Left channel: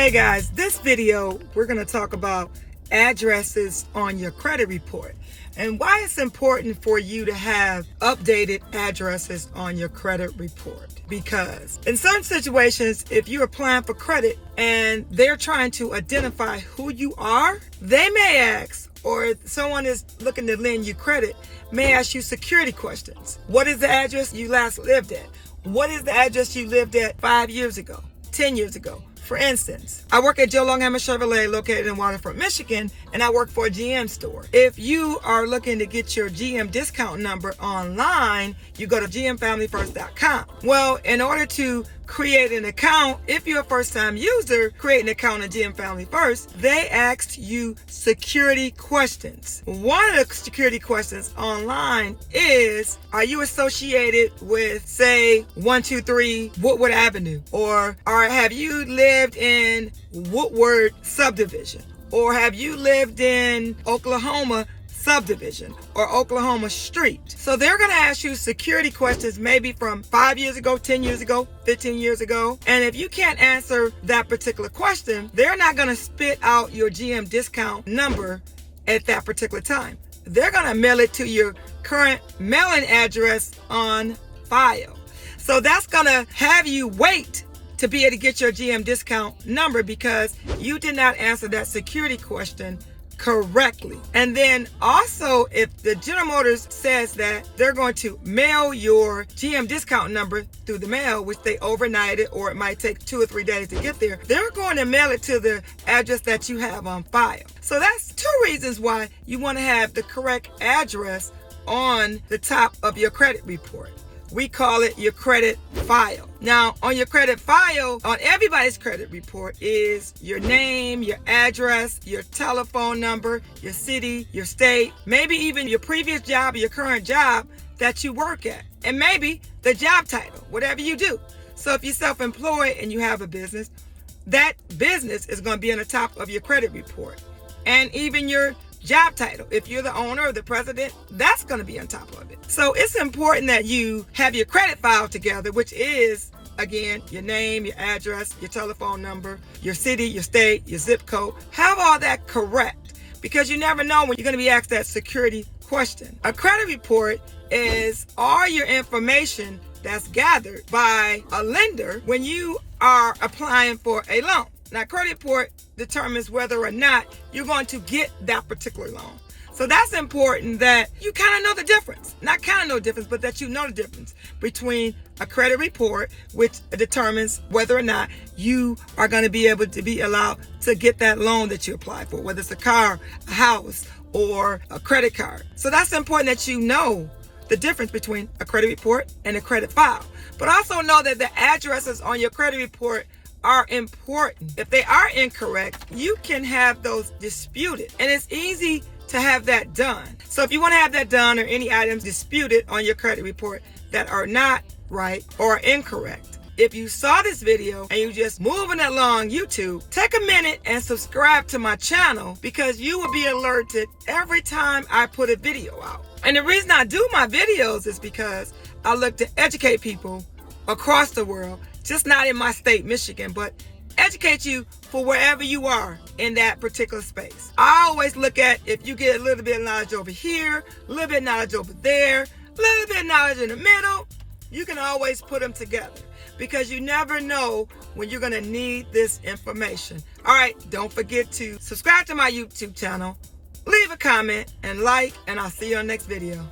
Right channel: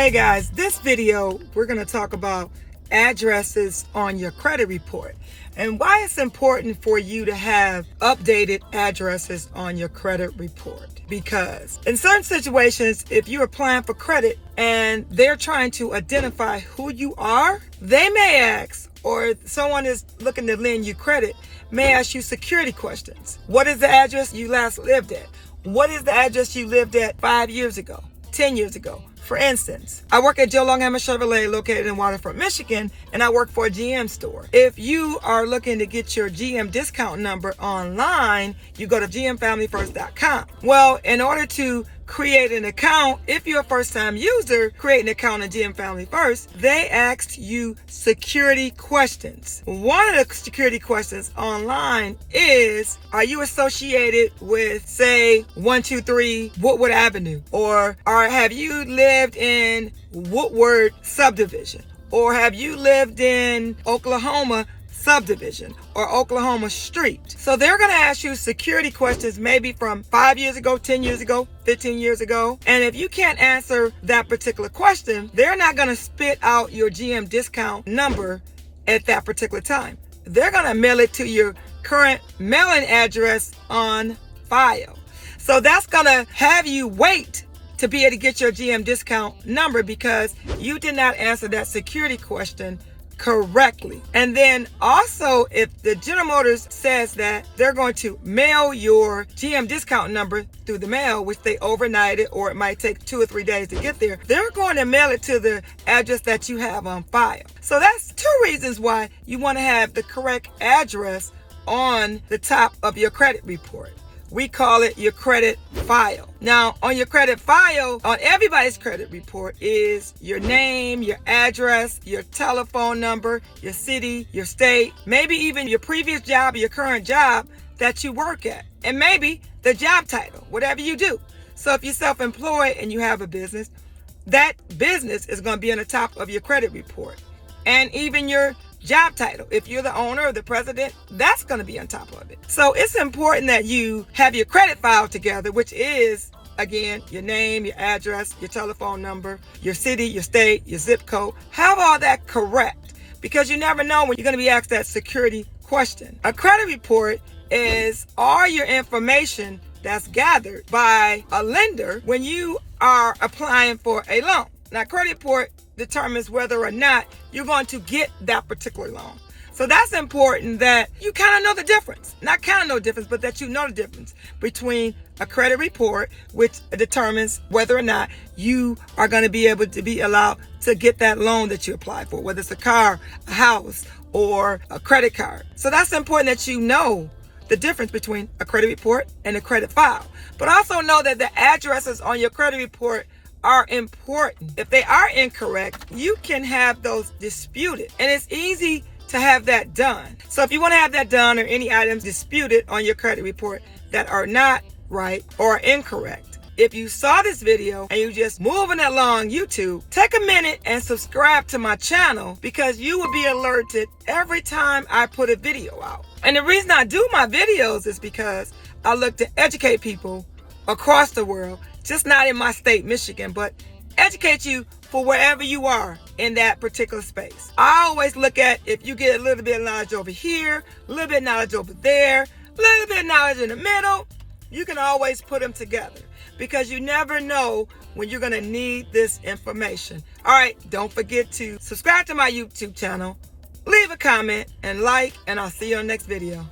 Hey guys, this video we're going to talk about addresses on your credit report and why it's important for you to have updated addresses on your credit report. Because in certain situations, if you're applying for credit and they're trying to identify who you are, they may ask, or someone is looking to lend you credit, may ask you security questions. What is the address you last lived at? What is the address you lived at 5 years ago, 10 years ago? For instance, I work at Joe Longhammer Chevrolet located in Waterford, Michigan, and I work for a GM store. If you are looking to get your GM discount number online, you go to gmfamilyfirst.com. Well, in order to create an account, if you're a first-time user, create an account on GM Family First, they asked you security questions. One of the security questions online is, are you associated with, say, 123 Woodward Avenue? Or have you lived in Woodward subdivision? Or have you lived in Oklahoma subdivision or Oklahoma street? So they're going to ask you security questions maybe from 5 years ago, 10 years ago, 15 years ago. And if you can't answer that particular question, they're not going to spit out your GM discount number at that particular time. They're going to mail it to your current mailing address on file. So that's going to have you wait to be able to get your GM discount number because you did not answer that security question correctly. And then also, if the General Motors says that they're going to mail your GM discount number through the mail, which they overnight it, or it might take 2 or 3 days to get there, they're going to mail it to the address that you have on file. So that's 2 reasons why you want to have the correct address on the top of your credit report. We call it your credit file. Now, on your credit file, on everybody's credit report is your name, your address, your telephone number, your city, your state, maybe even your previous job or your current job that you work at, and maybe the job title, whatever you do. So if you're self-employed and you have a business, that business is going to be on the top of your credit report. And even your job title, if you're the owner or the president, that's going to be on top of it. So it's important that you have your credit file together, which is, again, your name, your address, your telephone number, your city, your state, your zip code. Have all that correct, because you never know when you're going to be asked that security question. A credit report is all your information that's gathered by a lender when you are applying for a loan. Now, credit report determines whether or not you're going to get that particular loan. So that's important that you kind of know the difference. Not kind of know the difference, but that you know the difference between a credit report, which determines whether or not you are going to be able to be allowed to get that loan that you apply for, whether it's a car, a house, or a credit card. So that's important that you know the difference between a credit report and a credit file. But also know that the addresses on your credit report are important. If they are incorrect, you can have those disputed, and it's easy to have that done. So if you want to have that done, or any items disputed on your credit report that are not right or incorrect, if you saw this video and you just moving along YouTube, take a minute and subscribe to my channel, because you will be alerted every time I put a video out. And the reason I do my videos is because I look to educate people across the world, just not in my state, Michigan, but educate you for wherever you are in that particular space. I always look at, if you get a little bit of knowledge over here, a little bit of knowledge over there, a little bit of knowledge in the middle, you can always put them together, because you never know when you're going to need this information. All right, don't forget to subscribe to my YouTube channel, leave a comment and like, and I'll see you on the next video.